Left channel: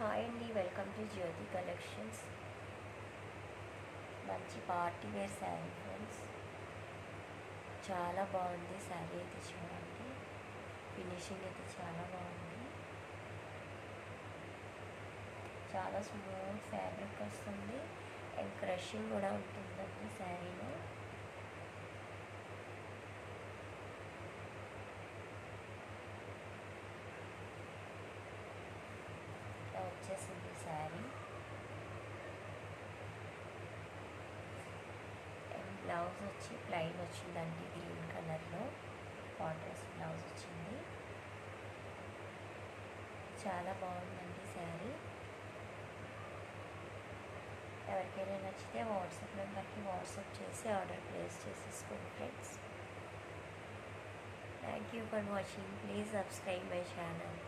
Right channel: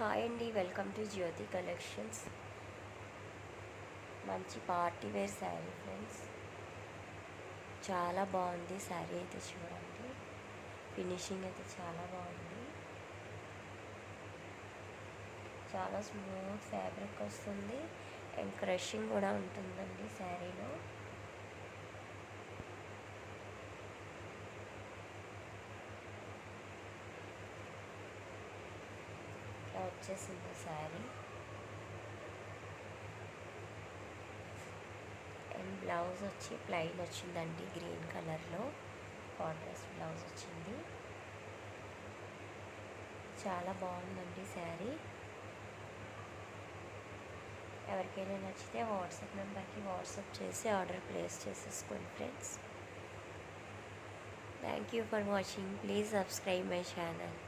Hi అండి, welcome to Jyothi collections. మంచి party wear sari friends. చాలా బాగుంది శారీ అయితే, చూడండి. ఫినిషింగ్ అయితే చాలా బాగుంది. చాలా స్మూత్ ఫ్యాబ్రిక్ వస్తుంది అండ్ క్రషింగ్ కూడా ఉంటుందండి శారీలో. వచ్చేసింది శారీ అండ్ బ్లౌజ్ వచ్చి ప్లెయిన్ వచ్చిందండి, గ్రీన్ కలర్లో కాంట్రాస్ట్ బ్లౌజ్ వచ్చింది. చాలా బాగుందండి శారీ. ఎవరికైనా నచ్చితే వాట్సాప్ నెంబర్కి వాట్సాప్ చేసి ఆర్డర్ ప్లేస్ చేసేసుకోండి friends. Thank you for watching. Please subscribe my channel.